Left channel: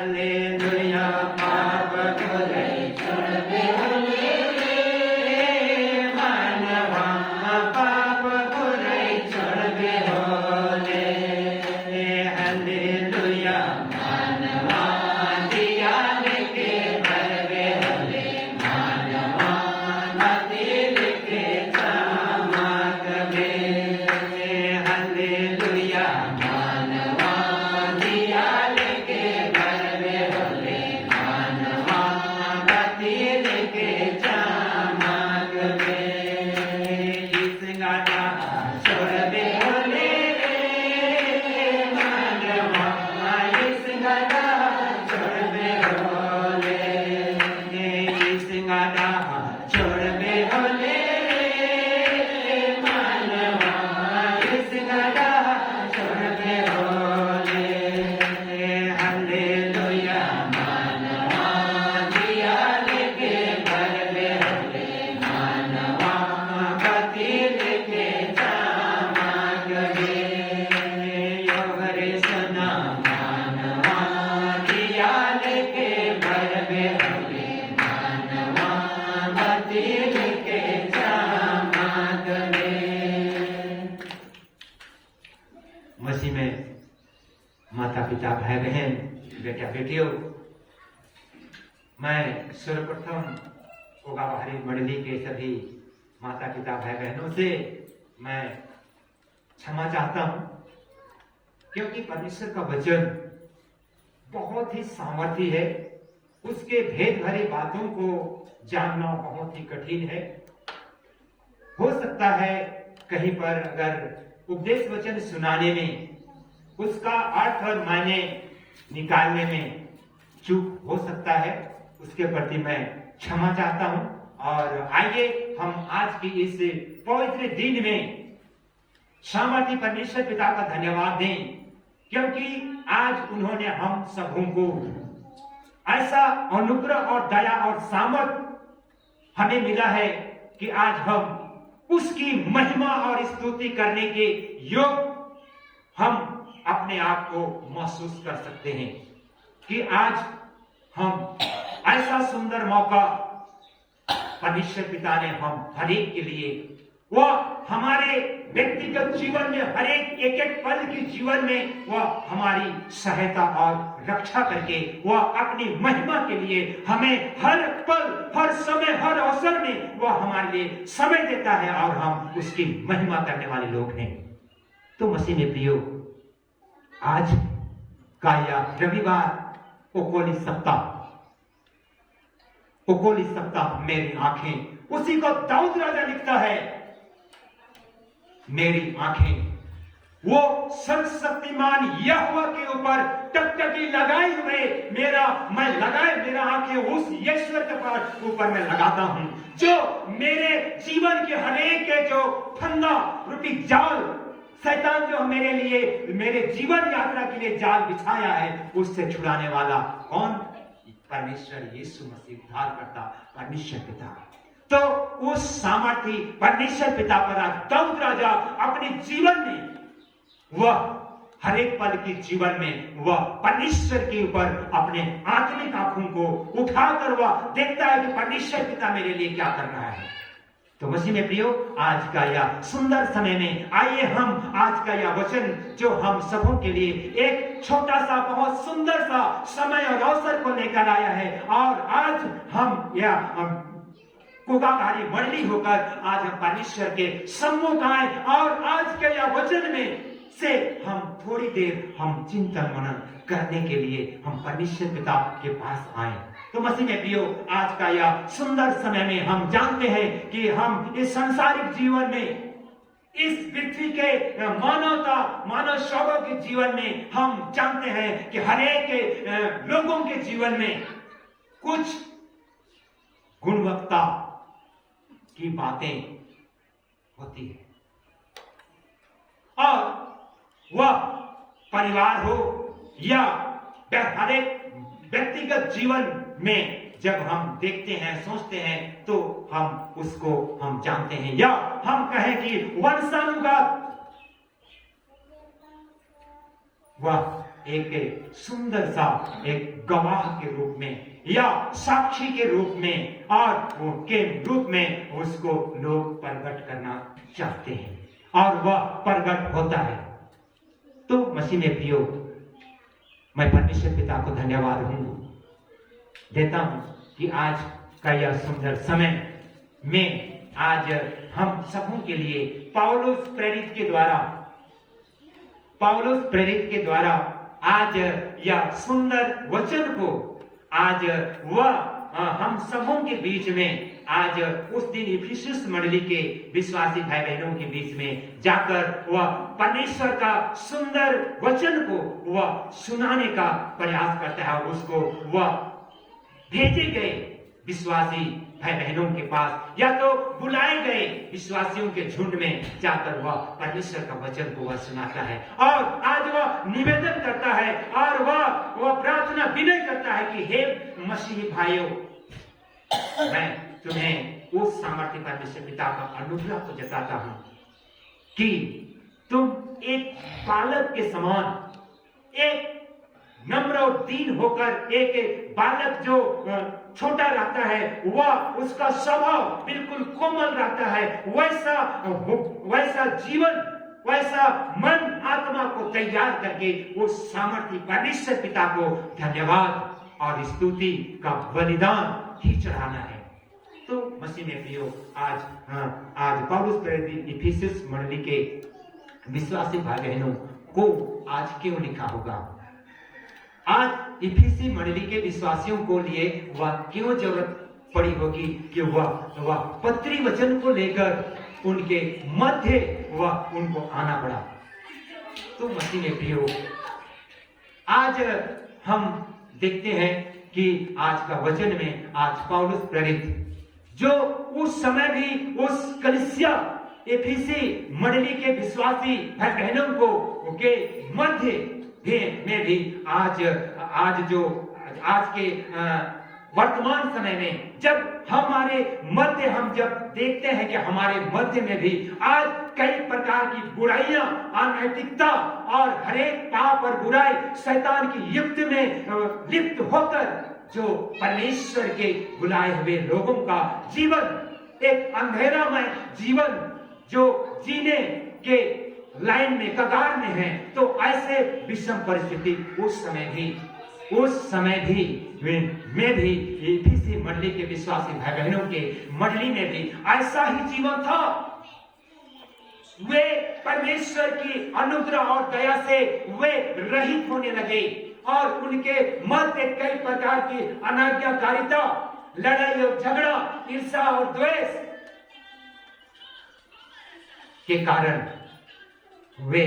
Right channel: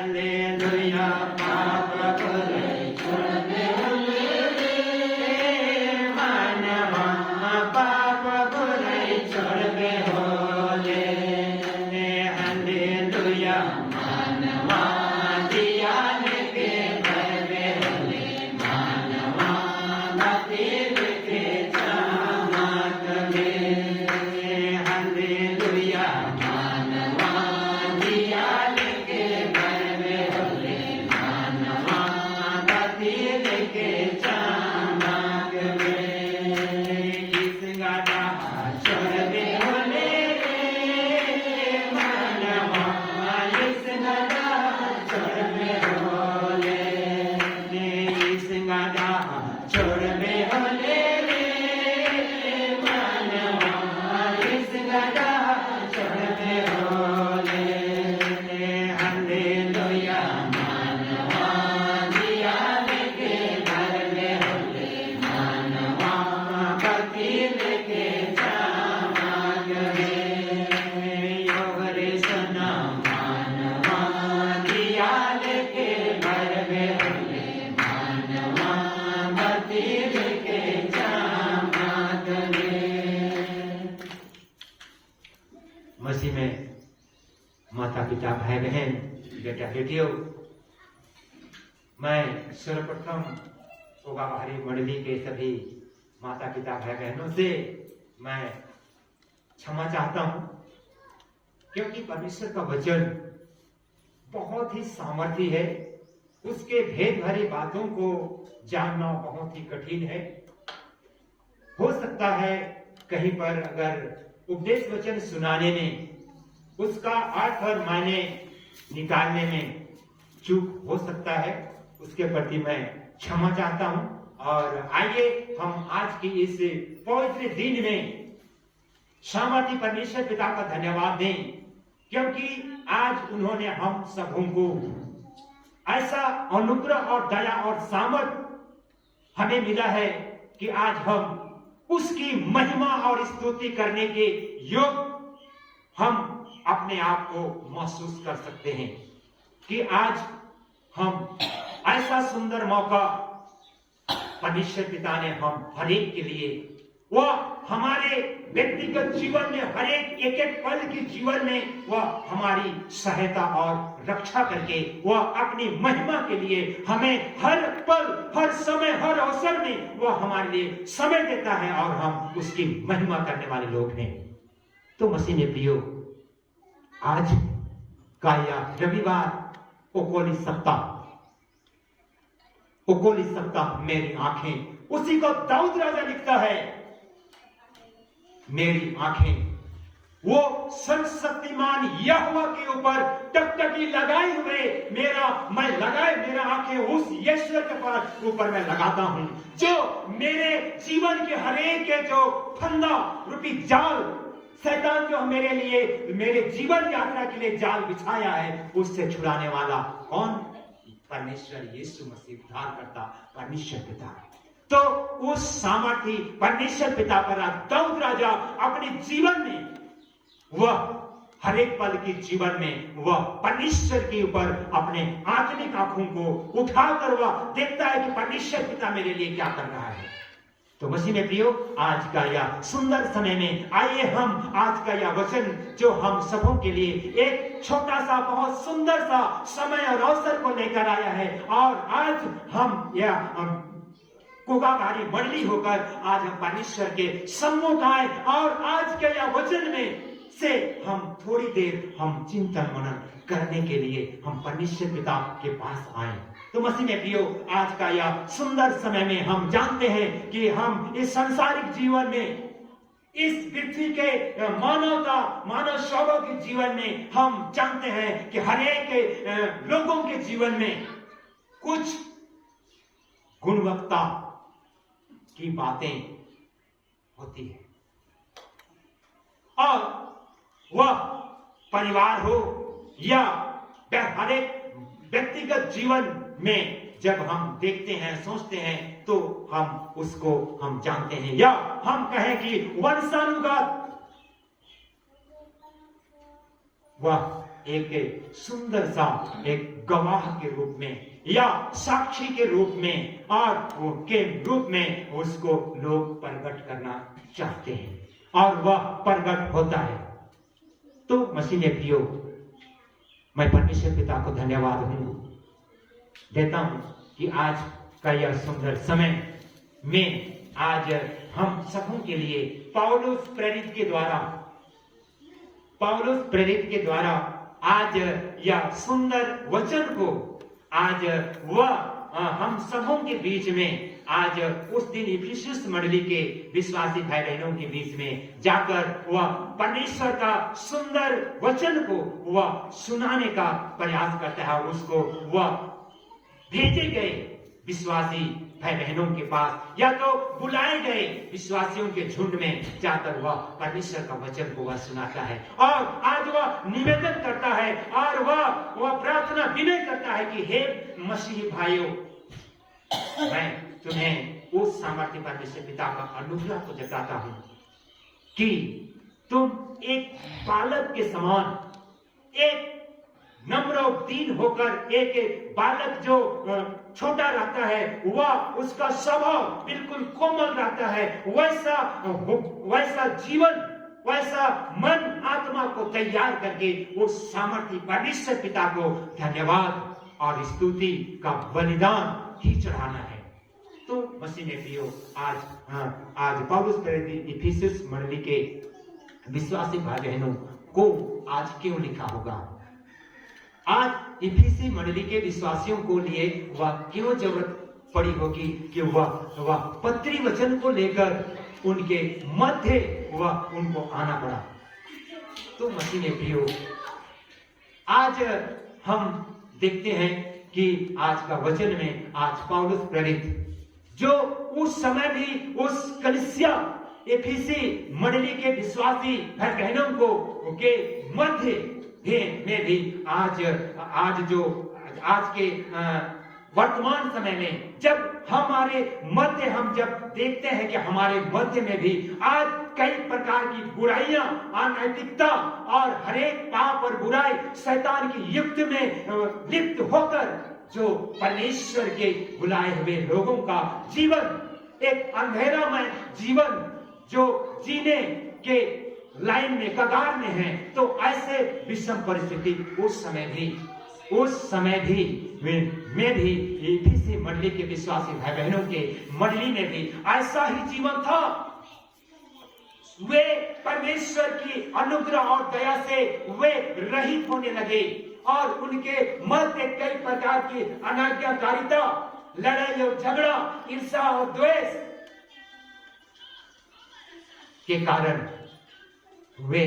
Hallelujah पाप करे छोड़बे होले रे मानवा पाप करे छोड़बे होले हालेलुया मानवा दिया लेके भरबे होले मानवा नाती लेके चमक में हालेलुया मानवा दिया लेके भरबे होले मानवा नाती लेके चमक में इस गाना छोड़बे होले मानवा इस गाना छोड़बे होले इस गाना छोड़बे होले मानवा इस गाना छोड़बे होले हालेलुया मानवा दिया लेके भरबे होले मानवा बत्ती लेके चमक में योगरे सना मानवा दिया लेके भरबे होले मानवा बत्ती लेके चमक में मसीह में माता पिता भाई बहन बेटा बेटियों, मैं सर्वप्रथम होगा बाहरी मंडली के सभी माता पिता भाई बहनों से मैं क्षमा चाहता हूं, क्योंकि परमेश्वर का वचन बहुत ही सामर्थी है। उसके भेद भरी बातों को जानना बहुत ही कठिन है। हो सकता है कहीं पर अगर उपदेश वचन सुनाने में उसका अर्थ और मायने निकालने में चूक हो सकता है, उसके प्रति मैं क्षमा चाहता हूं। और आइए हम आज की इस पवित्र दिन में सामर्थी परमेश्वर पिता का धन्यवाद दें, क्योंकि आज उन्होंने हम सबों को ऐसा अनुग्रह और दया और सामर्थ हमें मिला है कि आज हम उसकी महिमा और स्तुति करने के योग हम अपने आप को महसूस कर सकते हैं कि आज हम ऐसा सुंदर मौका परमेश्वर पिता ने हम हर एक के लिए, वह हमारे व्यक्तिगत जीवन में हर एक एक पल के जीवन में वह हमारी सहायता और रक्षा करके वह अपनी महिमा के लिए हमें हर पल हर समय हर अवसर में वह हमारे लिए समय देता है और हम उसकी महिमा करने वाले लोग हैं। तो मसीह ने प्रियो, आज का यह रविवार ओकोली सप्ताह मेरी आंखें, उसी को दाऊद राजा लिखता है, मेरी आंखें वो सर्वशक्तिमान यहोवा के ऊपर टकटकी लगाए हुए मेरा आंखें उस ईश्वर के पास ऊपर मैं लगाता हूं, जो मेरे जीवन के हरेक के जो फंदा रूपी जाल शैतान जो मेरे लिए मेरे जीवन यात्रा के लिए जाल बिछाया है, उससे छुड़ाने वाला कौन? परमेश्वर यीशु मसीह, उद्धार करता परमेश्वर पिता। तो उस सामर्थी परमेश्वर पिता पर आज दाऊद राजा अपने जीवन में वह हर एक पल के जीवन में वह परमेश्वर के ऊपर अपने आत्मिक आंखों को उठाकर वह देखता है कि परमेश्वर पिता मेरे लिए क्या कर रहा है। तो मसीह में प्रियो, आज का यह सुंदर समय में आइए हम आज का यह वचन जो हम सबों के लिए एक छोटा सा बहुत सुंदर सा समय और अवसर को लेकर आया है, और आज हम यह कोगाभारी मंडली होकर आज हम परमेश्वर के सम्मुख आए और आज के यह वचन में से हम थोड़ी देर हम चिंतन मनन करने के लिए हम परमेश्वर पिता के पास आए। तो मसीह में प्रियो, आज का यह सुंदर समय में हम जानते हैं कि हम इस सांसारिक जीवन में, इस पृथ्वी के मानव शौरों के जीवन में हम जानते हैं कि हर एक लोगों के जीवन में कुछ गुणवत्ता की बातें होती है, और वह परिवार हो या हर एक व्यक्तिगत जीवन में जब हम देखते हैं सोचते हैं तो हम उसको हम जानते हैं, या हम कहें कि वंशानुगत वह एक सुंदर सा एक गवाह के रूप में या साक्षी के रूप में और वो के रूप में उसको लोग प्रकट करना चाहते हैं और वह प्रकट होता है। तो मसीह में प्रियो, मैं परमेश्वर पिता को धन्यवाद देता हूं कि आज का यह सुंदर समय में आज हम सबों के लिए पौलुस प्रेरित के द्वारा आज यह सुंदर वचन को आज वह हम सबों के बीच में आज उस दिन इफिसुस मंडली के विश्वासी भाई बहनों के बीच में जाकर वह परमेश्वर का सुंदर वचन को वह सुनाने का प्रयास करता है। उसको वह भेजे गए विश्वासी भाई बहनों के पास या तो बुलाए गए विश्वासियों के झुंड में जाकर वह परमेश्वर का वचन को वह सुनाता है और आज वह निवेदन करता है और वह प्रार्थना विनय करता है कि हे मसीही भाइयों, मैं तुम्हें उस सामर्थ्य परमेश्वर पिता का अनुग्रह को जताता हूं कि तुम एक बालक के समान, एक नम्र और दीन होकर, एक बालक जो छोटा रहता है वह उसका स्वभाव बिल्कुल कोमल रहता है, वैसा जीवन, वैसा मन आत्मा को तैयार करके उस सामर्थ्य परमेश्वर पिता को धन्यवाद और स्तुति का बलिदान ही चढ़ाना है। तो मसीह में प्रियो, आज पौलुस प्रेरित इफिसुस मंडली के विश्वासी भाई बहनों को आज क्यों लिखा होगा? आज इफिसी मंडली के विश्वासियों को लिए वह क्यों जरूरत पड़ी होगी कि वह पत्री वचन को लेकर उनके मध्य वह उनको आना पड़ा? तो मसीह में प्रियो, आज हम देखते हैं कि आज का वचन में आज पौलुस प्रेरित जो उस समय भी उस कलीसिया एफिसी मंडली के विश्वासी भाई बहनों को के मध्य में भी आज के वर्तमान समय में जब हमारे मध्य हम जब देखते हैं कि हमारे मध्य में भी आज कई प्रकार की बुराइयां, अनैतिकता और हरेक पाप और बुराई शैतान की युक्त में लिप्त होकर जो परमेश्वर के बुलाए हुए लोगों का जीवन एक अंधेरामय जीवन जो जीने के लाइन में कगार में है, तो ऐसे विषम परिस्थिति उस समय भी में भी इफिसी मंडली के विश्वासी भाई बहनों के मंडली में भी ऐसा ही जीवन था। वे परमेश्वर की अनुग्रह और दया से वे रहित होने लगे और उनके मध्य कई प्रकार की अनाज्ञाकारिता, लड़ाई और झगड़ा, ईर्ष्या और द्वेष के कारण वे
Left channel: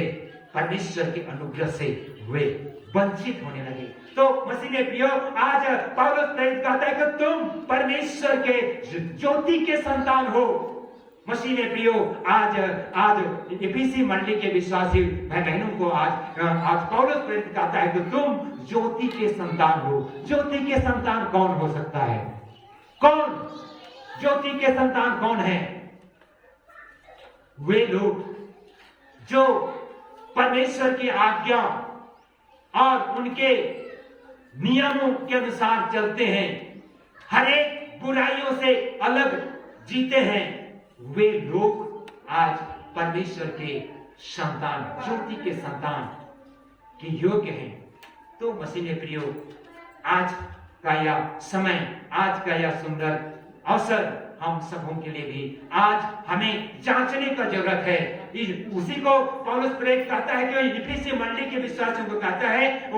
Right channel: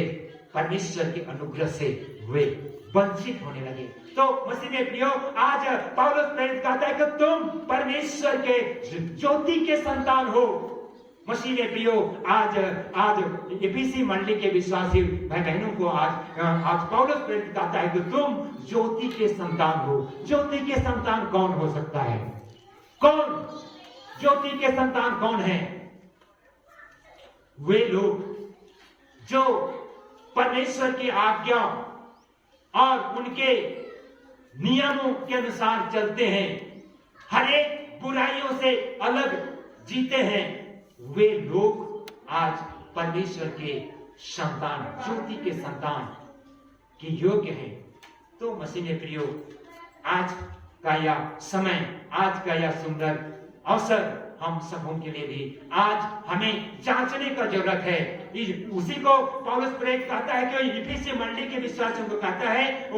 परमेश्वर के अनुग्रह से वे वंचित होने लगे। तो मसीह ने प्रियो, आज पौलुस प्रेरित कहता है कि तुम परमेश्वर के ज्योति के संतान हो। मसीह ने प्रियो, आज एफिसी मंडली के विश्वासी भाई बहनों को आज पौलुस प्रेरित कहता है कि तुम ज्योति के संतान हो। ज्योति के संतान कौन हो सकता है? कौन ज्योति के संतान कौन है? वे लोग जो परमेश्वर की आज्ञा और उनके नियमों के अनुसार चलते हैं, हर एक बुराइयों से अलग जीते हैं, वे लोग आज परमेश्वर के संतान, ज्योति के संतान के योग्य हैं। तो मसीह में प्रियो, आज का यह समय, आज का यह सुंदर अवसर हम सबों के लिए भी आज हमें जांचने का जरूरत है। उसी को पौलुस प्रेरित कहता है कि इफिसी मंडली के विश्वासियों को कहता है,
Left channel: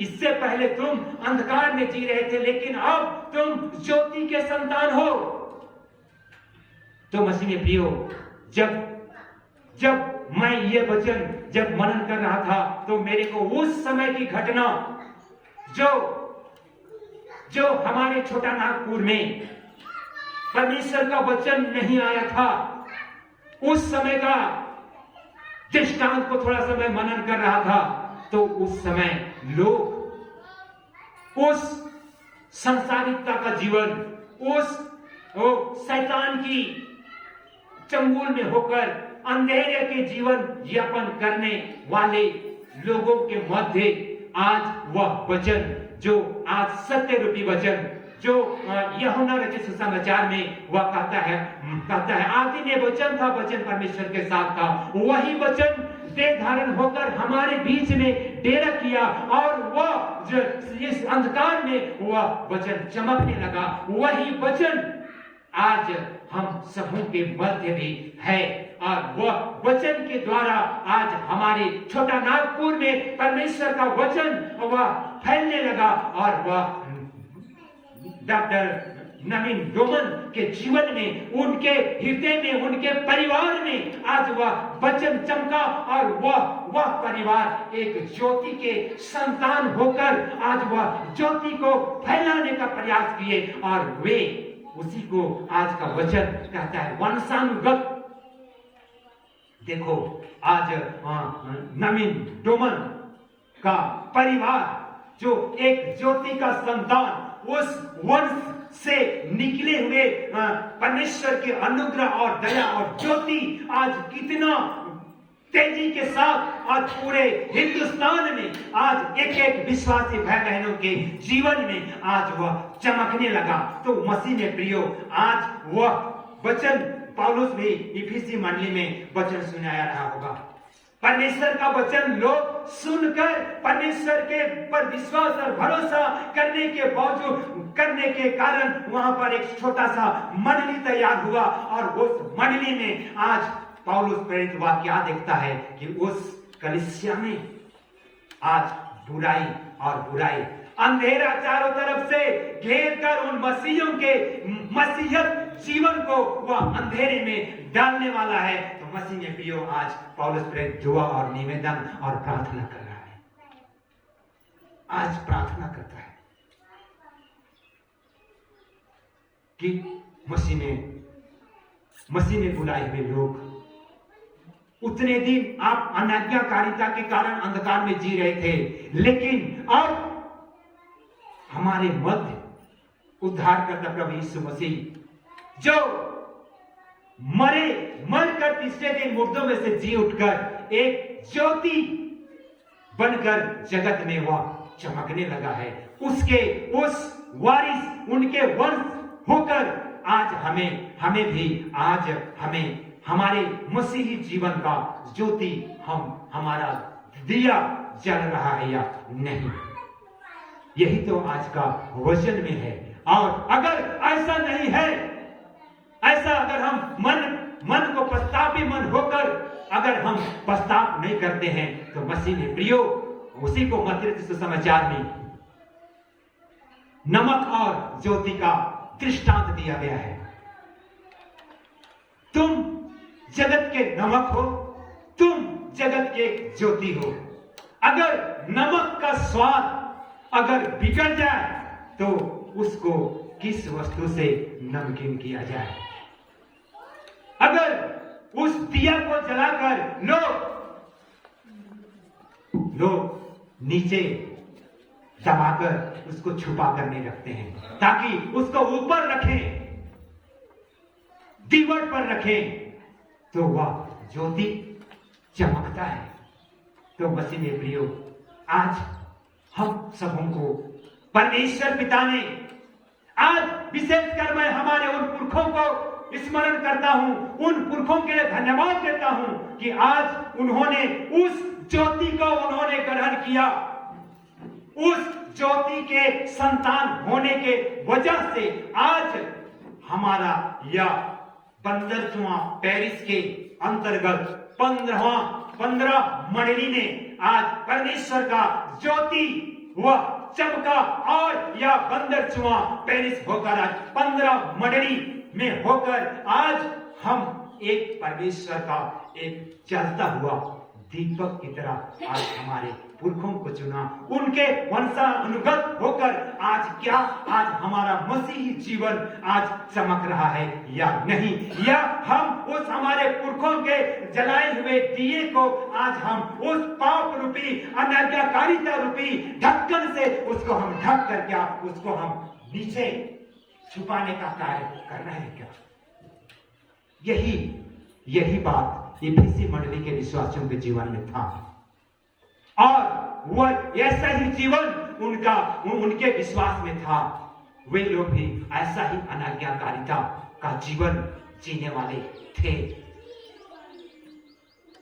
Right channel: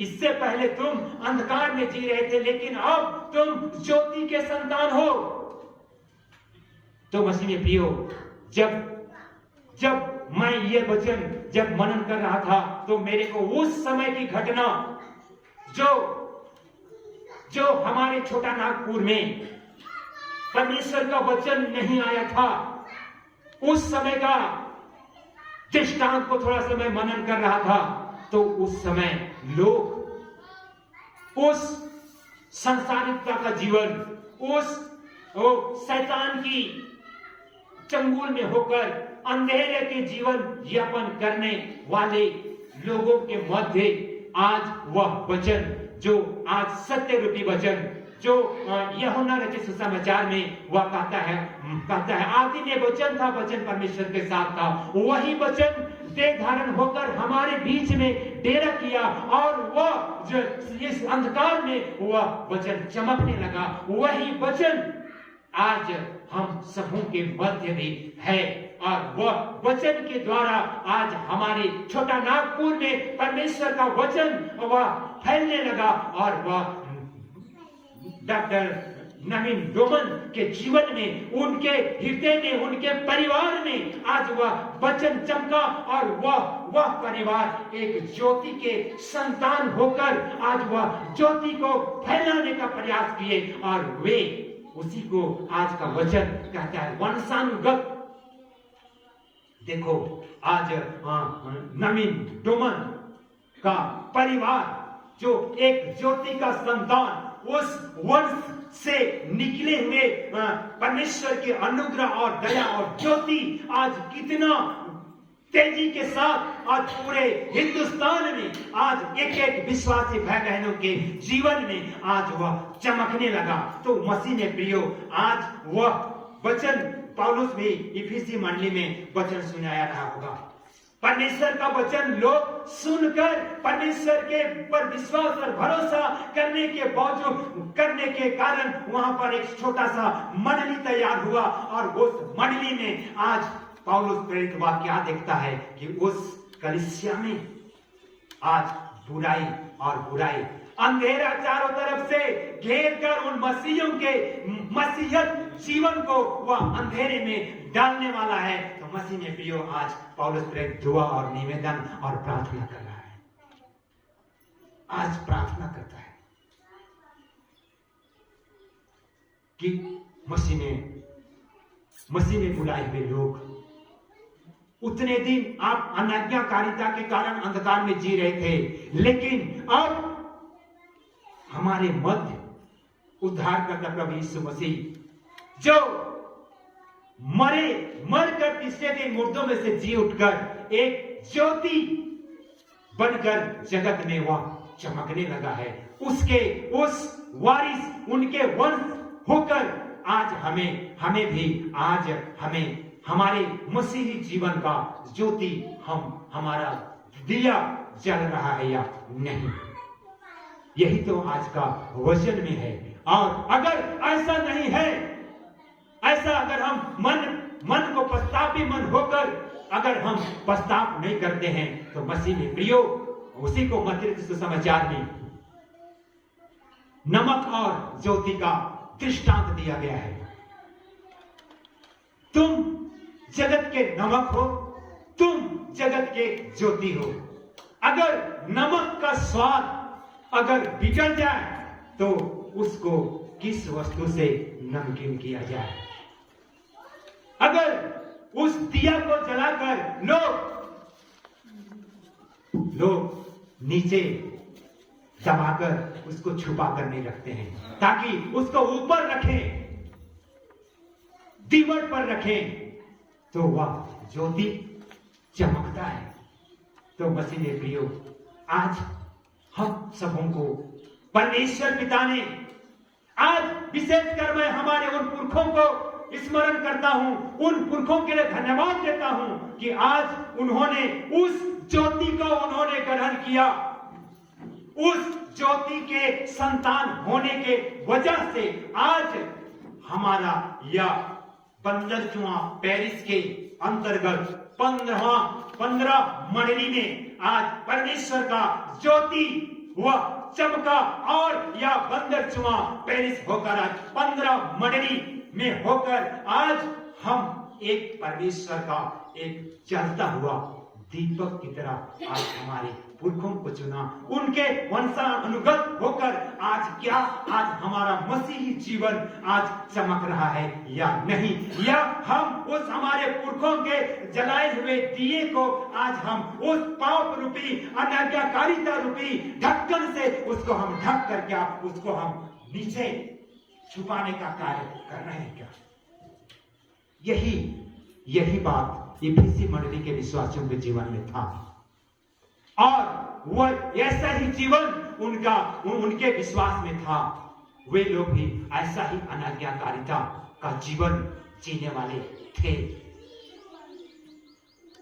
इससे पहले तुम अंधकार में जी रहे थे, लेकिन अब तुम ज्योति के संतान हो। तो मसीह में प्रियो, जब मैं ये वचन जब मनन कर रहा था, तो मेरे को उस समय की घटना जो हमारे छोटा नागपुर में परमेश्वर का वचन नहीं आया था, उस समय का दृष्टांत को थोड़ा समय मनन कर रहा था। तो उस समय लोग उस संसारिकता का जीवन, उस शैतान की चंगुल में होकर अंधेरे के जीवन यापन करने वाले लोगों के मध्य आज वह वचन जो आज सत्य रूपी वचन जो यूहन्ना रचित सुसमाचार में वह कहता है आदि में वचन था, वचन परमेश्वर के साथ था, वही वचन देह धारण होकर हमारे बीच में डेरा किया और वह इस अंधकार में वह वचन चमकने लगा। वही वचन आज हम सबों के मध्य भी है और वह वचन के द्वारा आज हमारे छोटा नागपुर में परमेश्वर का वचन वह फैलने लगा और वह डॉक्टर नवीन डोमन के जीवन में, उनके हृदय में, उनके परिवार में आज वह वचन चमका और वह परिवार एक ज्योति के संतान होकर आज वह ज्योति को फैलाने का प्रयास किए और वे उसी को आज का वचन कहता है वंशानुगत। देखो आज नवीन डोमन का परिवार जो एक ज्योति का संतान, उस वंश से निकले हुए परमेश्वर के अनुग्रह और दया और ज्योति आज कितना तेजी के साथ आज पूरे हिंदुस्तान में आज एक एक विश्वासी भाई बहनों के जीवन में आज वह चमकने लगा। तो मसीह ने प्रियो आज वह वचन पौलुस भी इफिसी मंडली में वचन सुनाया रहा होगा। परमेश्वर का वचन लोग सुनकर परमेश्वर के पर विश्वास और भरोसा करने के बावजूद करने के कारण वहां पर एक छोटा सा मंडली तैयार हुआ और उस मंडली में आज पौलुस प्रेरित वाक्य क्या देखता है कि उस कलीसिया में आज बुराई और बुराई अंधेरा चारों तरफ से घेर कर उन मसीहियों के मसीहत जीवन को वह अंधेरे में डालने वाला है। तो मसीह ने प्रियो आज पौलुस प्रेरित दुआ और निवेदन और प्रार्थना कर रहा है, आज प्रार्थना करता है कि मसीह में बुलाए हुए लोग उतने दिन आप अनाज्ञाकारिता के कारण अंधकार में जी रहे थे, लेकिन अब हमारे मध्य उद्धारकर्ता प्रभु यीशु मसीह जो मरकर तीसरे दिन मुर्दों में से जी उठकर एक ज्योति बनकर जगत में वह चमकने लगा है, उसके उस वारिस उनके वंश होकर आज हमें भी आज हमें हमारे मसीही जीवन का ज्योति हमारा दिया जल रहा है या नहीं, यही तो आज का वचन में है। और अगर ऐसा नहीं है, ऐसा अगर हम मन को पश्चातापी मन होकर अगर हम पश्चाताप नहीं करते हैं तो मसीह ने प्रियो उसी को मत्ती सुसमाचार में नमक और ज्योति का दृष्टांत दिया गया है। तुम जगत के नमक हो, तुम जगत के ज्योति हो। अगर नमक का स्वाद अगर बिगड़ जाए तो उसको किस वस्तु से नमकीन किया जाए? अगर उस दिया को जलाकर लोग नीचे दबाकर उसको छुपा कर नहीं रखते हैं, ताकि उसको ऊपर रखें, दीवार पर रखें तो वह ज्योति चमकता है। तो मसीह ने प्रियो आज हम सबों को परमेश्वर पिता ने आज विशेषकर मैं हमारे उन पुरखों को स्मरण करता हूं, उन पुरखों के लिए धन्यवाद देता हूं कि आज उन्होंने उस ज्योति को उन्होंने ग्रहण किया, उस ज्योति के संतान होने के वजह से आज हमारा यह 15वां पेरिस के अंतर्गत 15 मंडली में आज परमेश्वर का ज्योति वह चमका और यह 15वां पेरिस होकर आज 15 मंडली में होकर आज हम एक परमेश्वर का एक जलता हुआ दीपक की तरह आज हमारे पुरखों को चुना, उनके वंशानुगत होकर आज हमारा मसीही जीवन आज चमक रहा है या नहीं, या हम उस हमारे पुरखों के जलाए हुए दिए को आज हम उस पाप रूपी अनाज्ञाकारिता रूपी ढक्कन से उसको हम ढक कर क्या उसको हम नीचे छुपाने का कार्य कर रहे हैं क्या? यही बात इफिसी मंडली के विश्वासियों के जीवन में था। और वह ऐसा ही जीवन उनके विश्वास में था। वे लोग भी ऐसा ही अनाज्ञाकारिता का जीवन जीने वाले थे।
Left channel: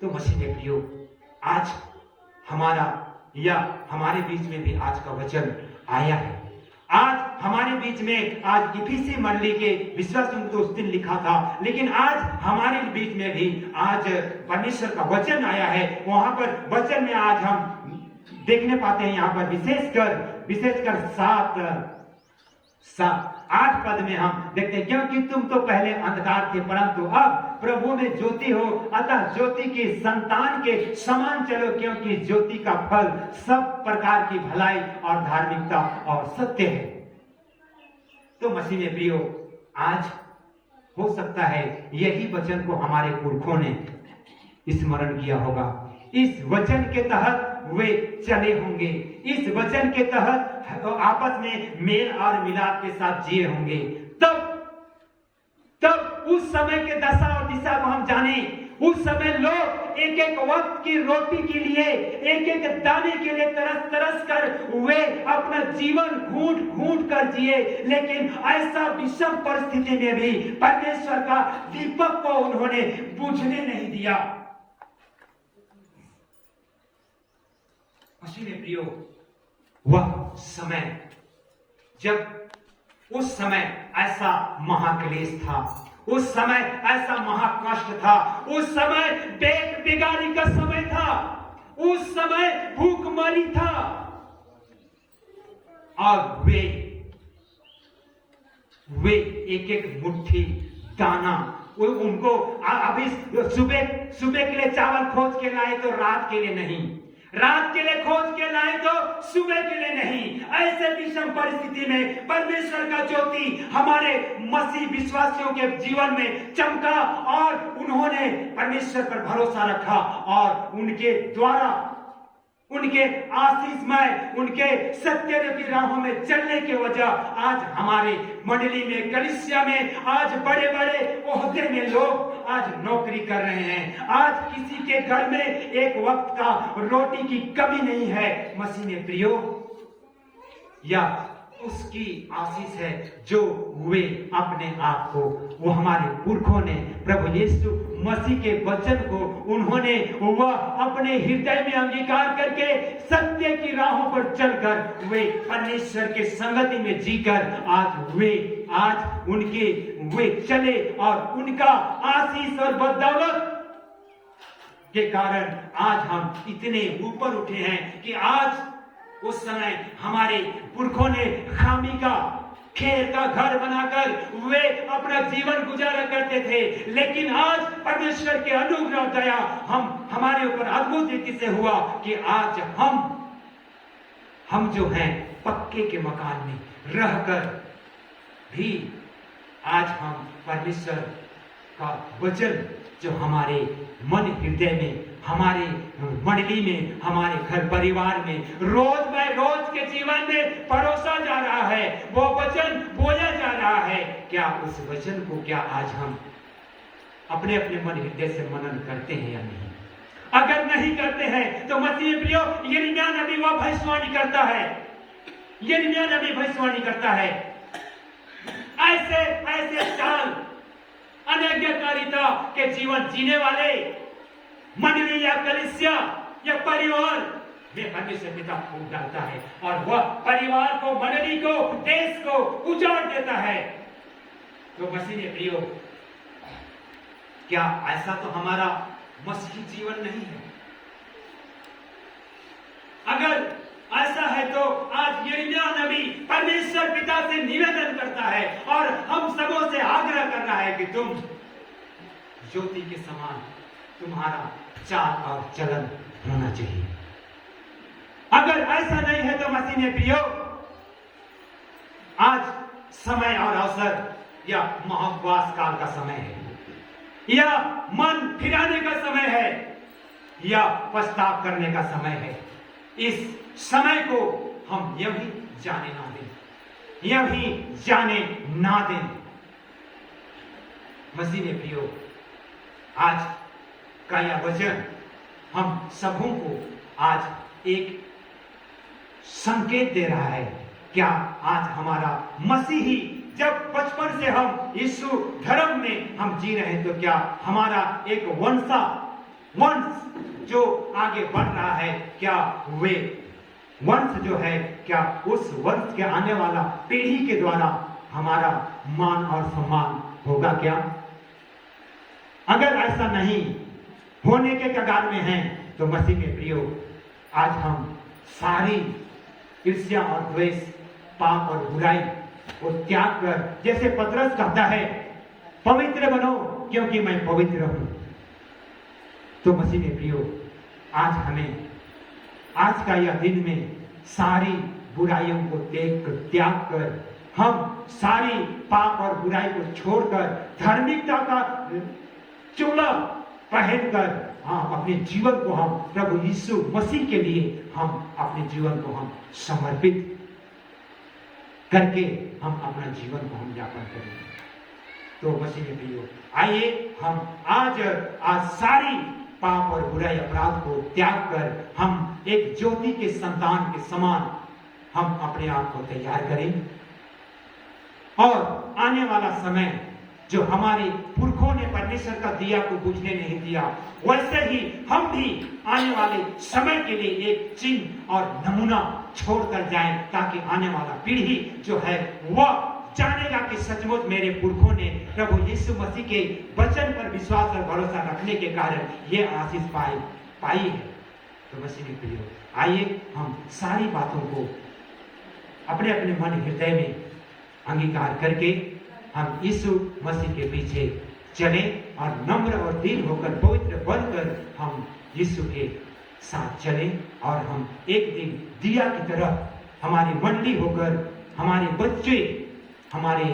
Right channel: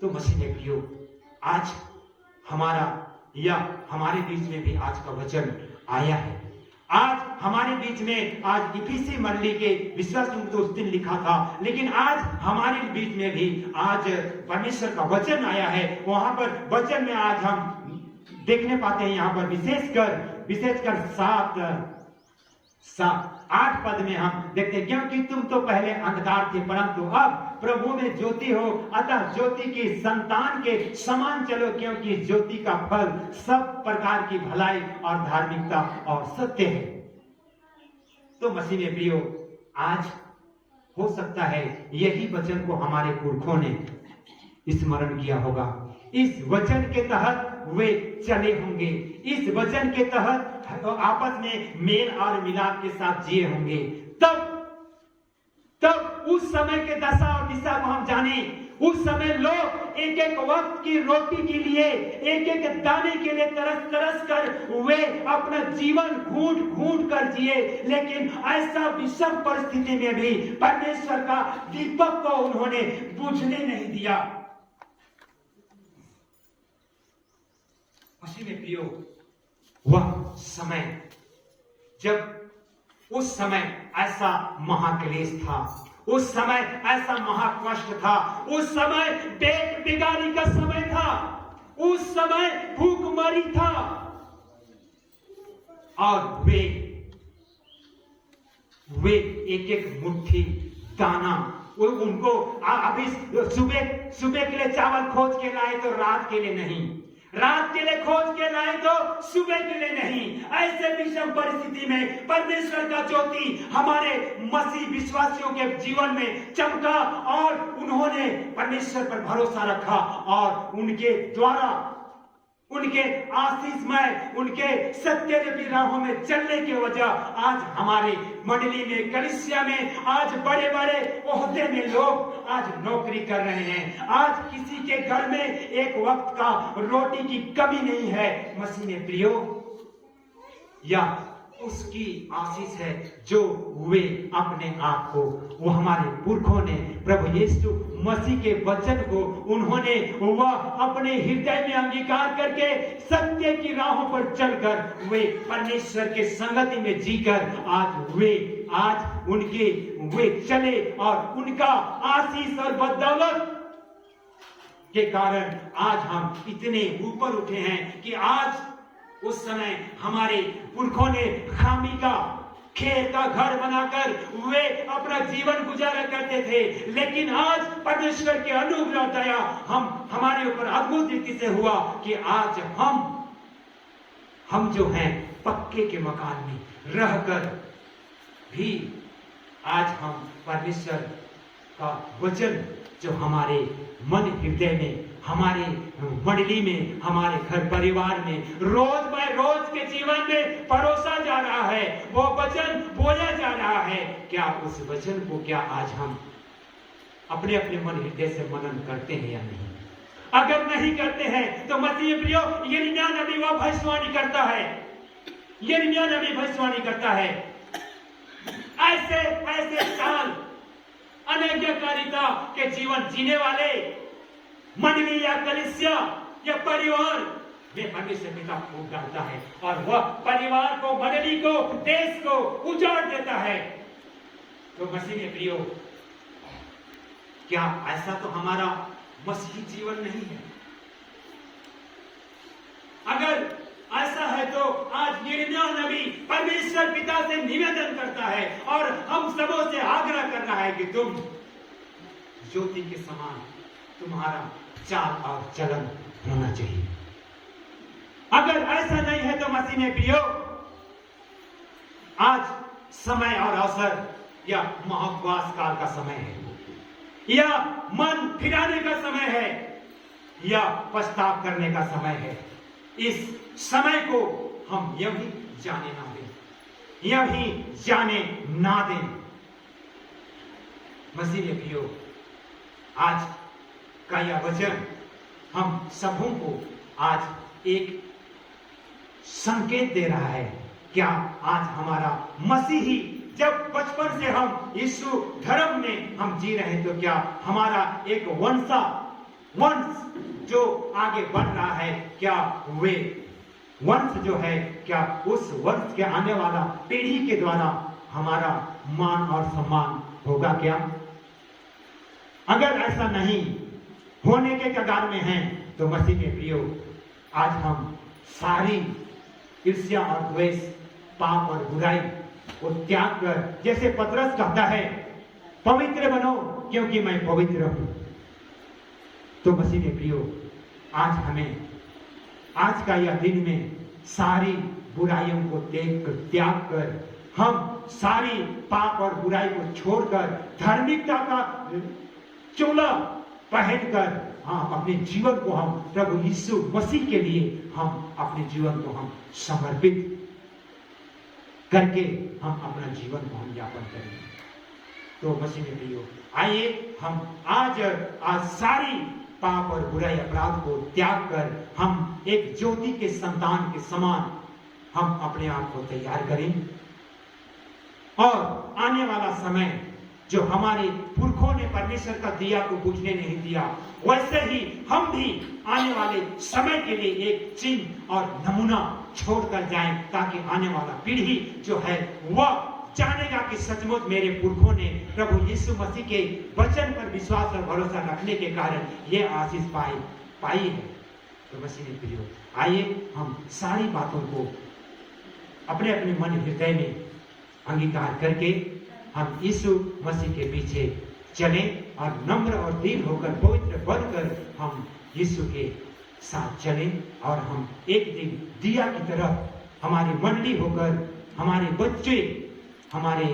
तो मसीह में प्रियो, आज हमारे बीच में भी आज का वचन आया है। आज हमारे बीच में आज इफिसी मंडली के विश्वास तो उस दिन लिखा था, लेकिन आज हमारे बीच में भी आज परमेश्वर का वचन आया है। वहां पर वचन में आज हम देखने पाते हैं, यहाँ पर विशेषकर 8 पद में हम देखते हैं, क्योंकि तुम तो पहले अंधकार थे परंतु अब प्रभु में ज्योति हो, अतः ज्योति की संतान के समान चलो, क्योंकि ज्योति का फल सब प्रकार की भलाई और धार्मिकता और सत्य है। तो मसीह में प्रियो, आज हो सकता है यही वचन को हमारे पुरखों ने स्मरण किया होगा। इस वचन के तहत वे चले होंगे, इस वचन के तहत आपस में मेल और मिलाप के साथ जिए होंगे। तब उस समय के दशा और दिशा को हम जाने। उस समय लोग एक एक वक्त की रोटी के लिए, एक एक दाने के लिए तरस कर वे अपना जीवन घूंट कर जिए, लेकिन ऐसा विषम परिस्थिति में भी परमेश्वर का दीपक को उन्होंने बुझने नहीं दिया। मसीह में प्रियो, वह समय जब उस समय ऐसा महाक्लेश था, उस समय ऐसा महाकष्ट था, उस समय पेट बिगाड़ी का समय था, उस समय भूखमरी था, और वे एक एक मुट्ठी दाना उनको अभी सुबह के लिए चावल खोज के लाए तो रात के लिए नहीं, रात के लिए खोज के लाए तो सुबह के लिए नहीं। ऐसे विषम परिस्थिति में परमेश्वर का ज्योति हमारे मसीह विश्वासियों के जीवन में चमका और उन्होंने परमेश्वर पर भरोसा रखा, और उनके द्वारा, उनके आशीषमय, उनके सत्य रूपी राहों में चलने की वजह आज हमारे मंडली में, कलीसिया में आज बड़े बड़े ओहदे में लोग आज नौकरी कर रहे हैं। आज किसी के घर में एक वक्त का रोटी की कमी नहीं है। मसीह ने प्रियो, या उसकी आशीष है जो वे अपने आप को, वो हमारे पुरखों ने प्रभु यीशु मसीह के वचन को उन्होंने वह अपने हृदय में अंगीकार करके सत्य की राहों पर चलकर वे परमेश्वर के संगति में जीकर आज वे चले, और उनका आशीष और बदौलत के कारण आज हम इतने ऊपर उठे हैं कि आज उस समय हमारे पुरखों ने खामी का खेत का घर बनाकर वे अपना जीवन गुजारा करते थे, लेकिन आज परमेश्वर के अनुग्रह दया हमारे ऊपर अद्भुत रीति से हुआ कि आज हम जो हैं पक्के के मकान में रहकर भी आज हम परमेश्वर का वचन जो हमारे मन हृदय में, हमारे मंडली में, हमारे घर परिवार में रोज के जीवन में परोसा जा रहा है, वो वचन बोला जा रहा है। क्या उस वचन को आज हम अपने मन हृदय से मनन करते हैं या नहीं? अगर नहीं करते हैं तो मसीह प्रियो, यिर्मयाह नबी वह भविष्यवाणी करता है, यिर्मयाह नबी भविष्यवाणी करता है, ऐसे साल अनाज्ञाकारिता के जीवन जीने वाले मंडली या कलीसिया या परिवार में परमेश्वर पिता फूट डालता है, और वह परिवार को, मंडली को, देश को उजाड़ देता है। तो मसीह ने प्रियो, क्या ऐसा तो हमारा मसीही जीवन नहीं है? अगर ऐसा है तो आज यिर्मयाह नबी परमेश्वर पिता से निवेदन करता है और हम सबों से आग्रह कर रहा है कि तुम ज्योति के समान तुम्हारा चाल और चलन होना चाहिए। अगर ऐसा नहीं है तो मसीह ने प्रियो, आज समय और अवसर या महाउपवास काल का समय है, या मन फिराने का समय है, या पछताव करने का समय है। इस समय को हम यही जाने ना दें। मसीह ने प्रियो, आज का यह वचन हम सबों को आज एक संकेत दे रहा है। क्या आज हमारा मसीही, जब बचपन से हम यीशु धर्म में हम जी रहे हैं, तो क्या हमारा एक वंश जो आगे बढ़ रहा है, क्या वे वंश जो है, क्या उस वंश के आने वाला पीढ़ी के द्वारा हमारा मान और सम्मान होगा क्या? अगर ऐसा नहीं होने के कगार में हैं, तो मसीह के प्रियो, आज हम सारी ईर्ष्या और द्वेष, पाप और बुराई को त्याग कर, जैसे पतरस कहता है, पवित्र बनो क्योंकि मैं पवित्र हूं। तो मसीह के प्रियो, आज हमें आज का यह दिन में सारी बुराइयों को त्याग कर, हम सारी पाप और बुराई को छोड़कर धार्मिकता का चोला पहनकर अपने जीवन को हम प्रभु यीशु मसीह के लिए हम अपने जीवन को हम समर्पित करके हम अपना जीवन को हम यापन करेंगे। तो मसीह के प्रियो, आइए हम आज सारी पाप और बुराई अपराध को त्याग कर हम एक ज्योति के संतान के समान हम अपने आप को तैयार करें, और आने वाला समय जो हमारे पुरखों ने परमेश्वर का दिया को बुझने नहीं दिया, वैसे ही हम भी आने वाले समय के लिए एक चिन्ह और नमूना छोड़कर जाएं, ताकि आने वाला पीढ़ी जो है वह जानेगा कि सचमुच मेरे पुरखों ने प्रभु यीशु मसीह के वचन पर विश्वास और भरोसा रखने के कारण ये आशीष पाई है। तो मसीह के प्रियो, आइए हम सारी बातों को अपने अपने मन हृदय में अंगीकार करके हम यीशु मसीह के पीछे चलें और नम्र और दीन होकर पवित्र बनकर हम यीशु के साथ चलें, और हम एक दिन दिया की तरह हमारी मंडली होकर, हमारे बच्चे, हमारे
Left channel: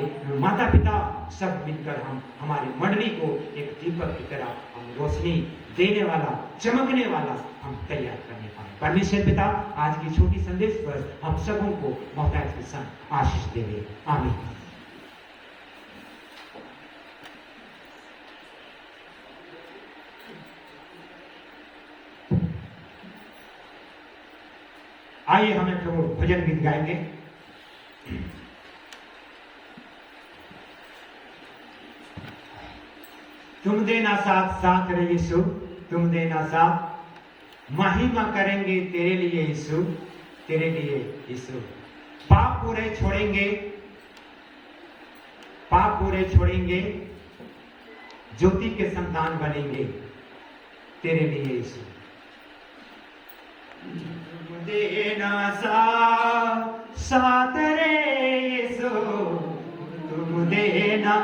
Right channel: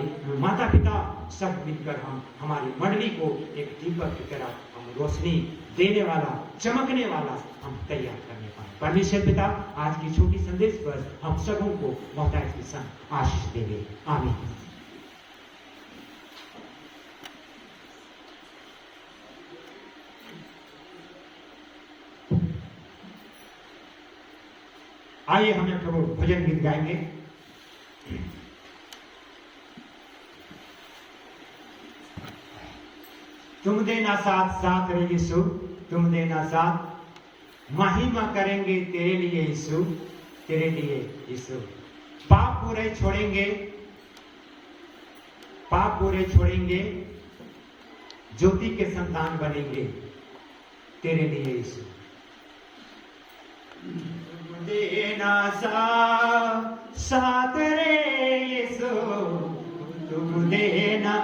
माता पिता सब मिलकर हम हमारी मंडली को एक दीपक की तरह हम रोशनी देने वाला, चमकने वाला हम तैयार करने पाए। परमेश्वर पिता आज की छोटी संदेश पर हम सबों को मोहताज के संग आशीष देंगे। आमीन। आइए हमें प्रभु भजन गीत गाएंगे। तुम देना साथ साथ रे यीशु, तुम देना साथ, महिमा करेंगे तेरे लिए यीशु, तेरे लिए यीशु। पाप पूरे छोड़ेंगे, पाप पूरे छोड़ेंगे, ज्योति के संतान बनेंगे तेरे लिए यीशु। तुम देना साथ रे यीशु, तुम देना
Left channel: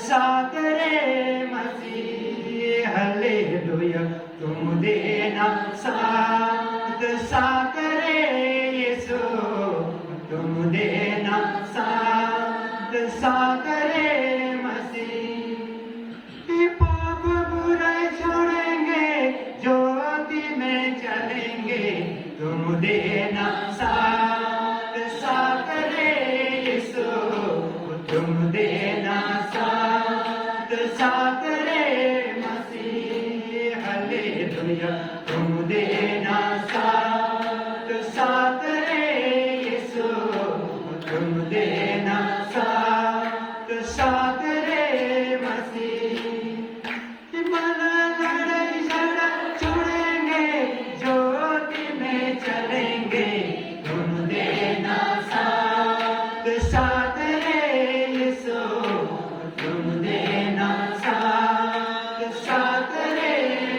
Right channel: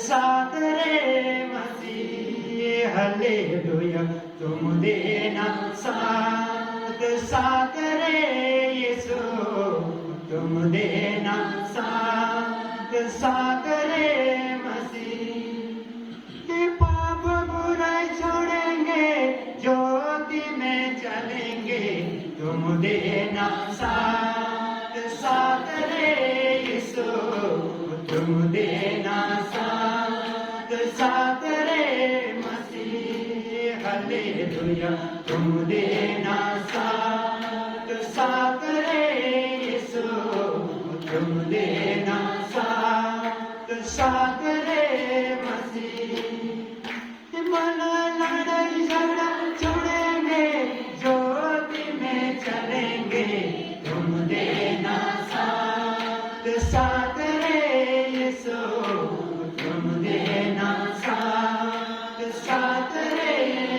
साथ रे मसीह, हालेलुया। तुम देना साथ रे यीशु, तुम देना साथ रे मसीह। पाप बुराई छोड़ेंगे, ज्योति में चलेंगे, तुम देना साथ रे यीशु, तुम देना साथ रे मसीह, हालेलुया। तुम देना साथ रे यीशु, तुम देना साथ रे मसीह। लड़ाई झगड़ा छोड़ेंगे, ज्योति में चलेंगे, तुम देना साथ रे यीशु, तुम देना साथ रे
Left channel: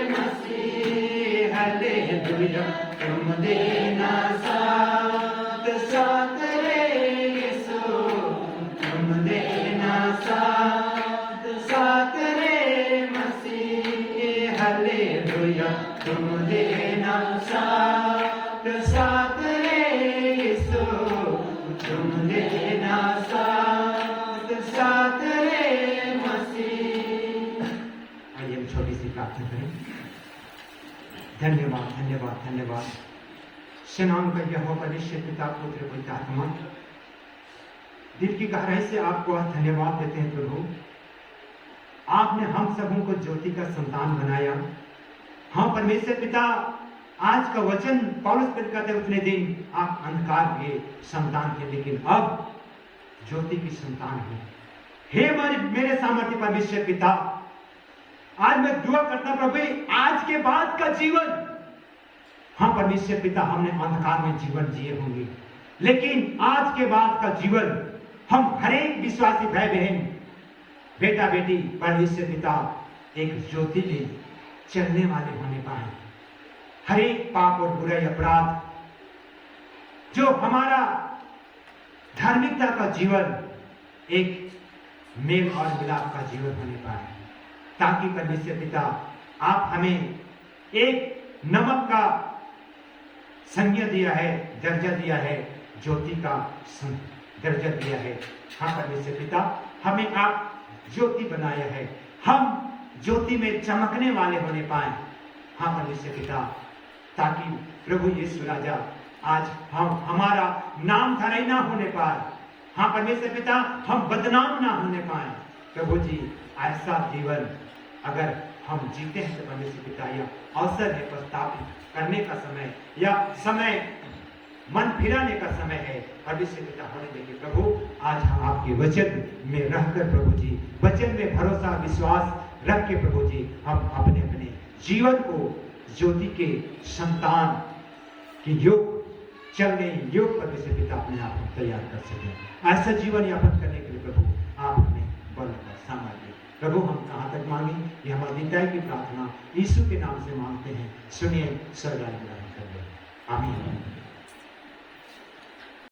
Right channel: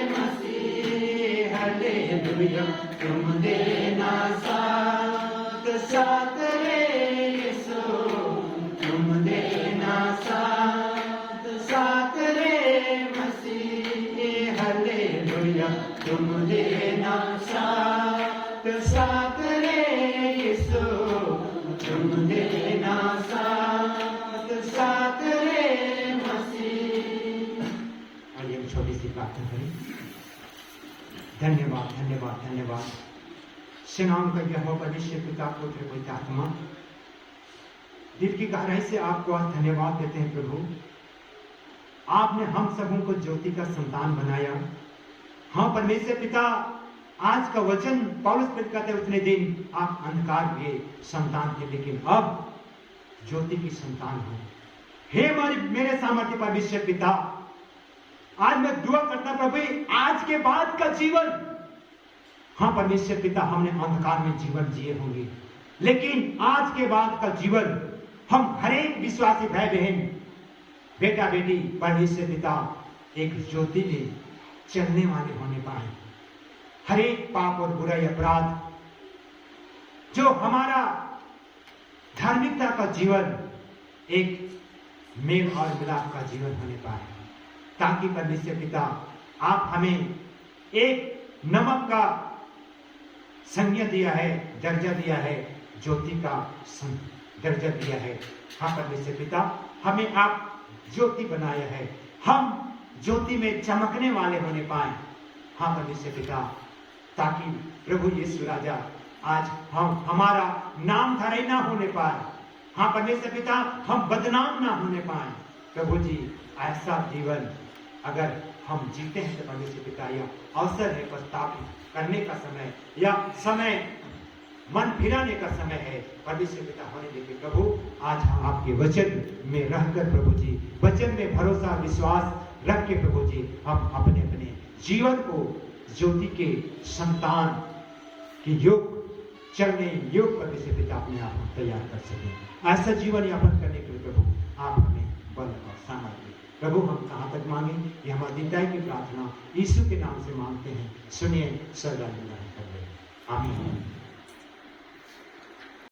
मसीह, हालेलुया। तुम देना साथ रे यीशु, तुम देना साथ रे मसीह, हालेलुया। तुम देना साथ रे यीशु, तुम देना साथ रे मसीह। आइए हम छोटी सी प्रार्थना करें। धन्यवाद धन्यवाद धन्यवाद सेनाओं का यहोवा परमेश्वर पिता, पुत्र पवित्र आत्मा, दिल की गहराई से आपको आज धन्यवाद देते हैं प्रभु। आपने हम सबों को ज्योति का संतान बनाया। हाँ परमेश्वर पिता, आज का वचन पौलुस प्रेरित कहते हैं, उतने दिन आप अंधकार के संतान थे, लेकिन अब ज्योति की संतान हो। हे मेरे सामर्थ्य परमेश्वर पिता, आज मैं दुआ करता प्रभु, आज के बाद का जीवन, हाँ परमेश्वर पिता, हमने अंधकार में जीवन जिए होंगे, लेकिन आज के बाद का जीवन हम हरेक विश्वासी भाई बहन, बेटा बेटी, परमेश्वर पिता एक ज्योति में चलने वाले होने पाए। हरेक पाप और बुराई अपराध, जो हमारा धार्मिकता का जीवन एक मेल और मिलाप का जीवन होने पाए, ताकि परमेश्वर पिता आप हमें एक नमक का संज्ञा दिया है, दर्जा दिया है, ज्योति का दर्जा दिया है। हाँ परमेश्वर पिता, हमें आप ज्योति बनाया है, हम ज्योति में चमकने वाले होने पाए। हाँ परमेश्वर पिता, ताकि प्रभु यीशु राजा आज हमारा नाम धराई ना होने पाए। हाँ परमेश्वर पिता, हम बदनाम ना होने पाए। प्रभु जी, ऐसा जीवन अगर हम जीते हैं तो परमेश्वर पिता, यह अवसर है पश्चाताप करने का समय, या समय मन फिराने का समय है। परमेश्वर पिता होने देंगे प्रभु, आज हम आपके वचन में रहकर प्रभु जी, वचन में भरोसा विश्वास रख के प्रभु जी, हम अपने अपने जीवन को ज्योति के संतान के योग चलने योग परमेश्वर पिता अपने आप को तैयार कर सके। ऐसा जीवन यापन करने के लिए प्रभु आप हमें बल और सामर्थ्य प्रभु, हम कहाँ तक मांगे, ये हमारी दया की प्रार्थना यीशु के नाम से मांगते हैं, सुनिए, स्वर्ग आमीन।